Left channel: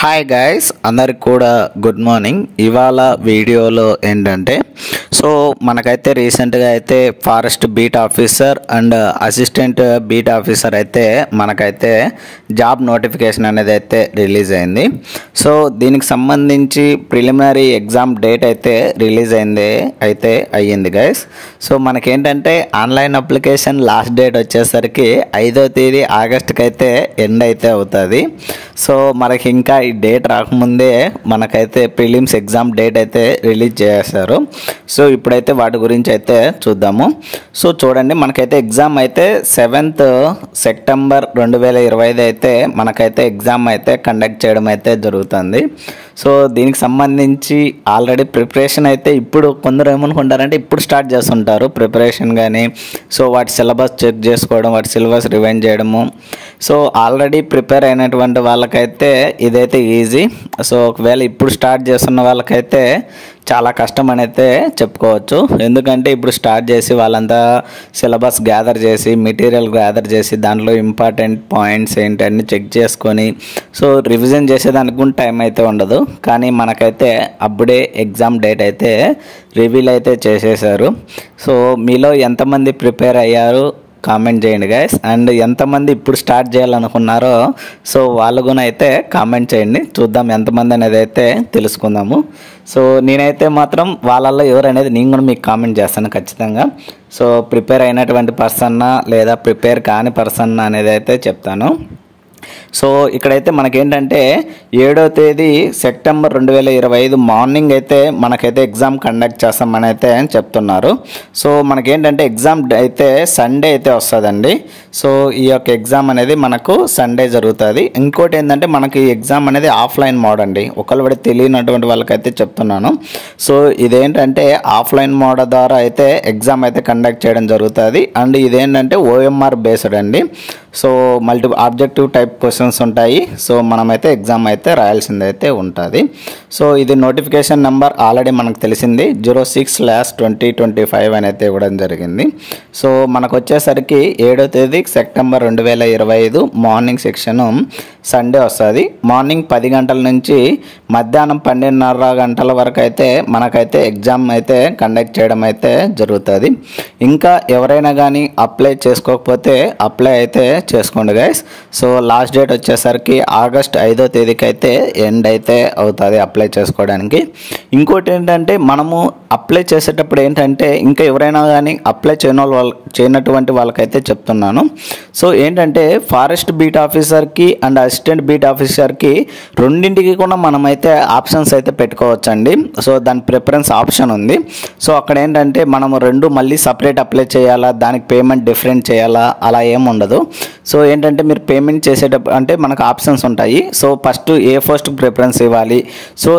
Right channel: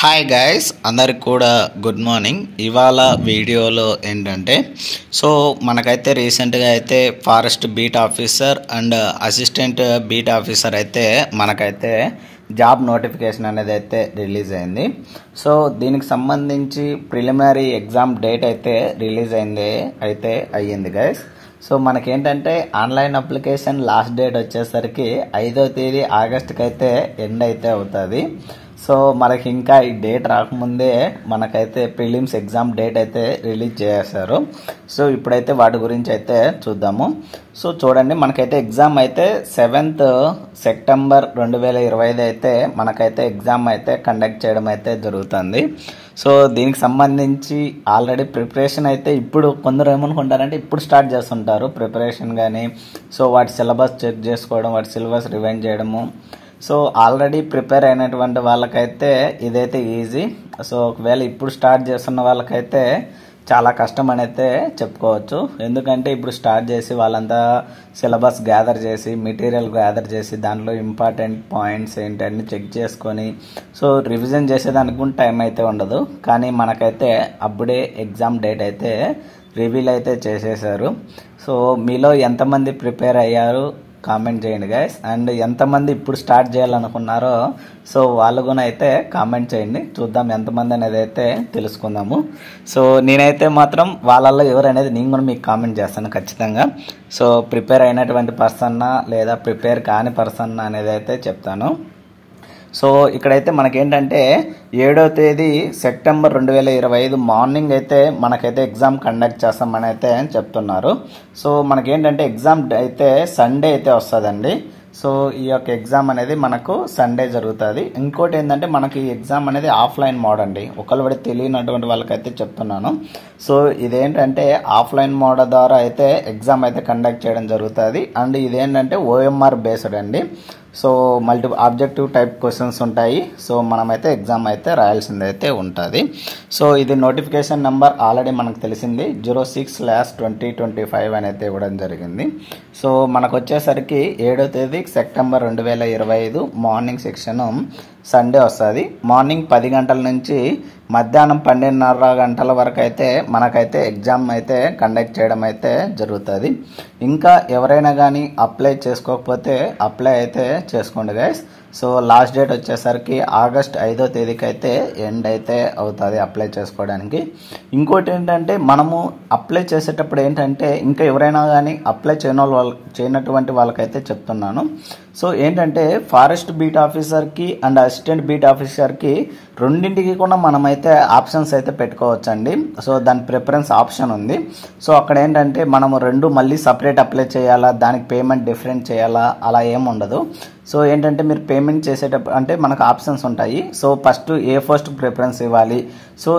Hi guys, అందరికి కూడా good morning. ఇవాళ వీడియోలో ఏంటంటే మనకైతే రీసెంట్గా అయితే forest beat officer and assistant beat officer అయితే మనకైతే జాబ్ నోటిఫికేషన్ అనేది అయితే రిలీజ్ అయింది. దీనికి సంబంధించి ప్రిలిమినరీ ఎగ్జామ్ డేట్ అయితే రిలీజ్ అయ్యింది గైస్. మనకేంటంటే ఆన్లైన్ అప్లికేషన్ లాస్ట్ డేట్ వచ్చేసరికి 5వ తేదీ ఆగస్టుకి అయితే ఎండ్ అయితే అవుతుంది. మనకి ఇంకా ఈ డేట్ రాకముందే మనకైతే ప్రిలిమ్స్ ఎగ్జామ్ డేట్ అయితే రిలీజ్ చేశారు. ఇప్పుడైతే వాటి గురించి అయితే చూద్దాము. చూడండి, మనకైతే ఎగ్జామ్ అయితే 7th సెప్టెంబర్ 2025 అయితే మనకైతే ఎగ్జామ్ అయితే కండక్ట్ చేయడం అయితే జరుగుతుంది. దీనికి సంబంధించి ఆల్రెడీ ప్రిపరేషన్ అయితే ఇప్పుడు కొందరు ఏమనుకుంటారంటే ఇప్పుడు స్టార్ట్ చేస్తుంటారు ప్రిపరేషన్ కానీ. వాటి సిలబస్ చెక్ చేసుకోవడం, వాటి సిలబస్ రివైండ్ చేయడము. ఆల్రెడీ ప్రిపేర్ అయినటువంటి వాళ్ళకైతే ఇదైతే ఈజీ. ఒకవేళ ఇప్పుడు స్టార్ట్ చేస్తున్న వాళ్ళకైతే చాలా కష్టం అని అయితే చెప్పుకోవచ్చు. ఎందుకంటే ఇప్పుడు స్టార్ట్ చేసి వాళ్ళంతా సిలబస్ గ్యాదర్ చేసి, మెటీరియల్ గ్యాదర్ చేసి, దాంట్లో ఇంపార్టెంట్ పాయింట్స్ ఏంటి అన్ని చెక్ చేసుకొని రివిజన్ చేసేదానికి కూడా టైం అయితే ఉండదు. కానీ మనకైతే అప్పుడే ఎగ్జామ్ డేట్ అయితే రివీల్ అయితే చేసేసారు. మీలో ఎంతమంది ప్రిపేర్ అయ్యారు కామెంట్ చేయండి గైస్. అండ్ ఎంతమంది ఇప్పుడు స్టార్ట్ చేయాలనుకున్నారో వాళ్ళు కూడా అయితే కామెంట్ చేయండి. చూద్దాం ఎంతమంది అనేది అయితే తెలుసుకుందాము. నేనైతే మాత్రం వాళ్ళల్లో ఎవరు అనేది నేను కూడా మీకు కామెంట్ చేస్తాను ఖచ్చితంగా. ప్రిపేర్ అయినటువంటి పర్సన్నా లేదా ప్రిపేర్ కాని పర్సన్నా అనేది అయితే చెప్తాను. ఇక్కడైతే మనకేంటంటే 7వ తేదీ సెప్టెంబర్ 2025 మార్నింగ్ అయితే మనకైతే ఎగ్జామ్ కండక్ట్ చేస్తామని అయితే చెప్తున్నారు. మనకేంటంటే ఎగ్జామ్ అయితే సండే అయితే వస్తుందండి. ఈ యొక్క ఎగ్జామ్ అనేది మనకు సండే జరుగుతుంది. ఇంకోటి ఏంటంటే మనకి ఈ ఎగ్జామ్ అనేది ఆఫ్లైన్ మోడ్ అండి. ఒకళ్ళు తెలియనటువంటి వాళ్ళకైతే చెప్తున్నాను. ఇదేంటంటే ఆఫ్లైన్ మోడ్ ద్వారా అయితే ఎగ్జామ్ అయితే కండక్ట్ చేయడం జరుగుతుంది. అండ్ ఇదేంటంటే OMR బేస్డ్ అండి. మల్టీ ఆబ్జెక్టివ్ టైప్ క్వశ్చన్స్ ఉంటాయి. మనమైతే ఎగ్జామ్ అయితే రాయాల్సింది అయితే ఉంటుంది. ఇది నోటిఫికేషన్ నెంబర్ ఆల్రెడీ మనకు తెలిసింది 06/2025 అని అయితే ఇవ్వడం జరిగింది. మనకు వచ్చేసరికి 7వ తేదీ సెప్టెంబర్ 2025 మార్నింగ్ సెక్షన్ సండే వస్తుంది. మార్నింగ్ 10 గంటల నుంచి మధ్యాహ్నం 12:30 గంటల వరకు అయితే మనకైతే ఎగ్జామ్ అయితే కండక్ట్ చేయడం అయితే జరుగుతుంది. ఇంకా ఎవరైనా కానీ అప్లై చేసుకోకపోతే అప్లై అయితే చేసుకోండి గైస్. లాస్ట్ డేట్ వచ్చేసరికి ఆగస్ట్ 5వ తేదీకి అయితే ఎండ్ అయితే అవుతుంది అప్లై చేసుకోవడానికి. ఇంకోటి ఏంటంటే మనము అప్లై చేసేటప్పుడు ఏంటంటే ఇంకా ఎవరైనా కానీ అప్లై చేయనటువంటి వాళ్ళకైతే చెప్తున్నాను. ఏంటంటే ఫారెస్ట్ బీట్ ఆఫీసర్కి అండ్ అసిస్టెంట్ బీట్ ఆఫీసర్కి రెండింటికి కూడా మనమైతే ఆప్షన్స్ అయితే పెట్టుకోవచ్చండి. దాని ప్రిఫరెన్స్ ఆప్షన్ ఉంది. అక్కడ ఏంటంటే మనము రెండు మళ్ళీ సపరేట్ అప్లై చేయాలా, దానికి పేమెంట్ డిఫరెంట్ చేయాలా, అలా ఏమి ఉండదు. ఏంటంటే మీరు పేమెంట్ చేసేటప్పుడు అంటే మనకు ఆప్షన్స్ ఉంటాయి. ఫస్ట్ ఏ పోస్ట్ ప్రిఫరెన్స్ ఇవ్వాలి,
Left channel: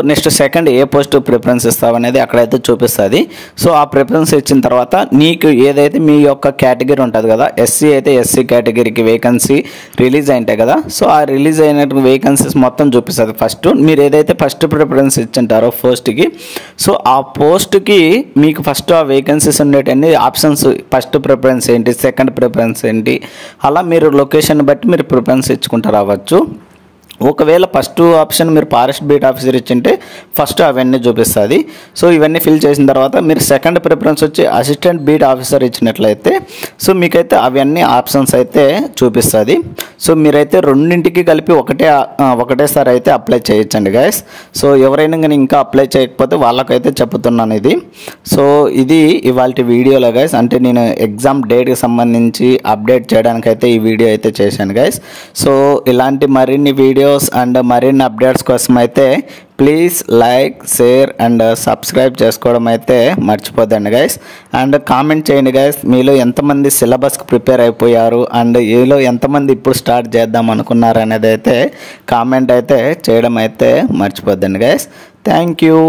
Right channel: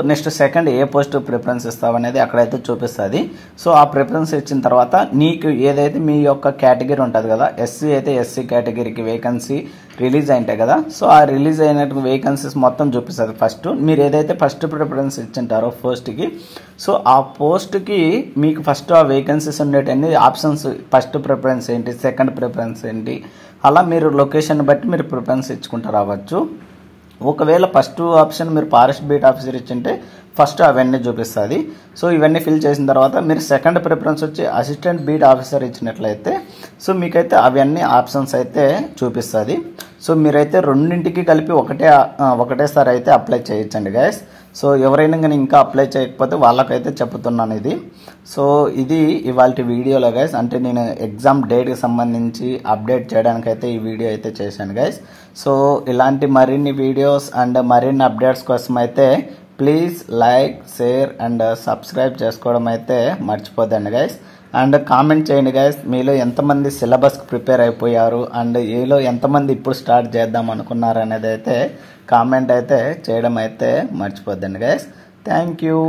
నెక్స్ట్ సెకండ్ ఏ పోస్ట్ ప్రిఫరెన్స్ ఇస్తావనేది అక్కడైతే చూపిస్తుంది. ఆ ప్రిఫరెన్స్ ఇచ్చిన తర్వాత నీకు ఏదైతే మీ యొక్క కేటగిరీ ఉంటుంది కదా, SC అయితే SC కేటగిరీకి వేకెన్సీ రిలీజ్ అయింటాయి కదా. ఆ రిలీజ్ అయినట్టు వేకెన్సీస్ మొత్తం చూపిస్తుంది. ఫస్ట్ మీరు ఏదైతే ఫస్ట్ ప్రిఫరెన్స్ ఇచ్చింటారో పోస్ట్కి, ఆ పోస్ట్కి మీకు ఫస్ట్ ఆ వేకెన్సీస్ ఉండేటన్ని ఆప్షన్స్, ఫస్ట్ ప్రిఫరెన్స్ ఏంటి, సెకండ్ ప్రిఫరెన్స్ ఏంటి, అలా మీరు లొకేషన్ బట్టి మీరు ప్రిఫరెన్స్ ఇచ్చుకుంటూ రావచ్చు. ఒకవేళ ఫస్ట్ ఆప్షన్ మీరు ఫారెస్ట్ బీట్ ఆఫీసర్ ఇచ్చింటే ఫస్ట్ అవన్నీ చూపిస్తుంది. ఇవన్నీ ఫిల్ చేసిన తర్వాత మీరు సెకండ్ ప్రిఫరెన్స్ వచ్చి అసిస్టెంట్ బీట్ ఆఫీసర్ ఇచ్చినట్లయితే మీకైతే అవన్నీ ఆప్షన్స్ అయితే చూపిస్తుంది. మీరైతే రెండింటికి కలిపి ఒకటేసారి అయితే అప్లై చేయొచ్చండి గైస్. ఎవరైనా కానీ ఇంకా అప్లై చేయకపోతే వాళ్ళకైతే చెప్తున్నాను ఇది. ఇది ఇవాళ వీడియోలో గైస్. అంటే నేను ఎగ్జామ్ డేట్కి సంబంధించి అప్డేట్ చేయడానికైతే ఈ వీడియో అయితే చేశాను గైస్. ఇలాంటి మరిన్ని వీడియోస్ అండ్ మరిన్ని అప్డేట్స్ కోసం అయితే please like, share and subscribe చేసుకోవడం అయితే మర్చిపోద్దండి గైస్. అండ్ కామెంట్ చేయండి గైస్, మీలో ఎంతమంది సిలబస్కి ప్రిపేర్ అయిపోయారు అండ్ మీలో ఎంతమంది ఇప్పుడు స్టార్ట్ చేద్దాం అనుకున్నారు అనేది అయితే కామెంట్ అయితే చేయడం అయితే మర్చిపోద్దండి గైస్. Thank you.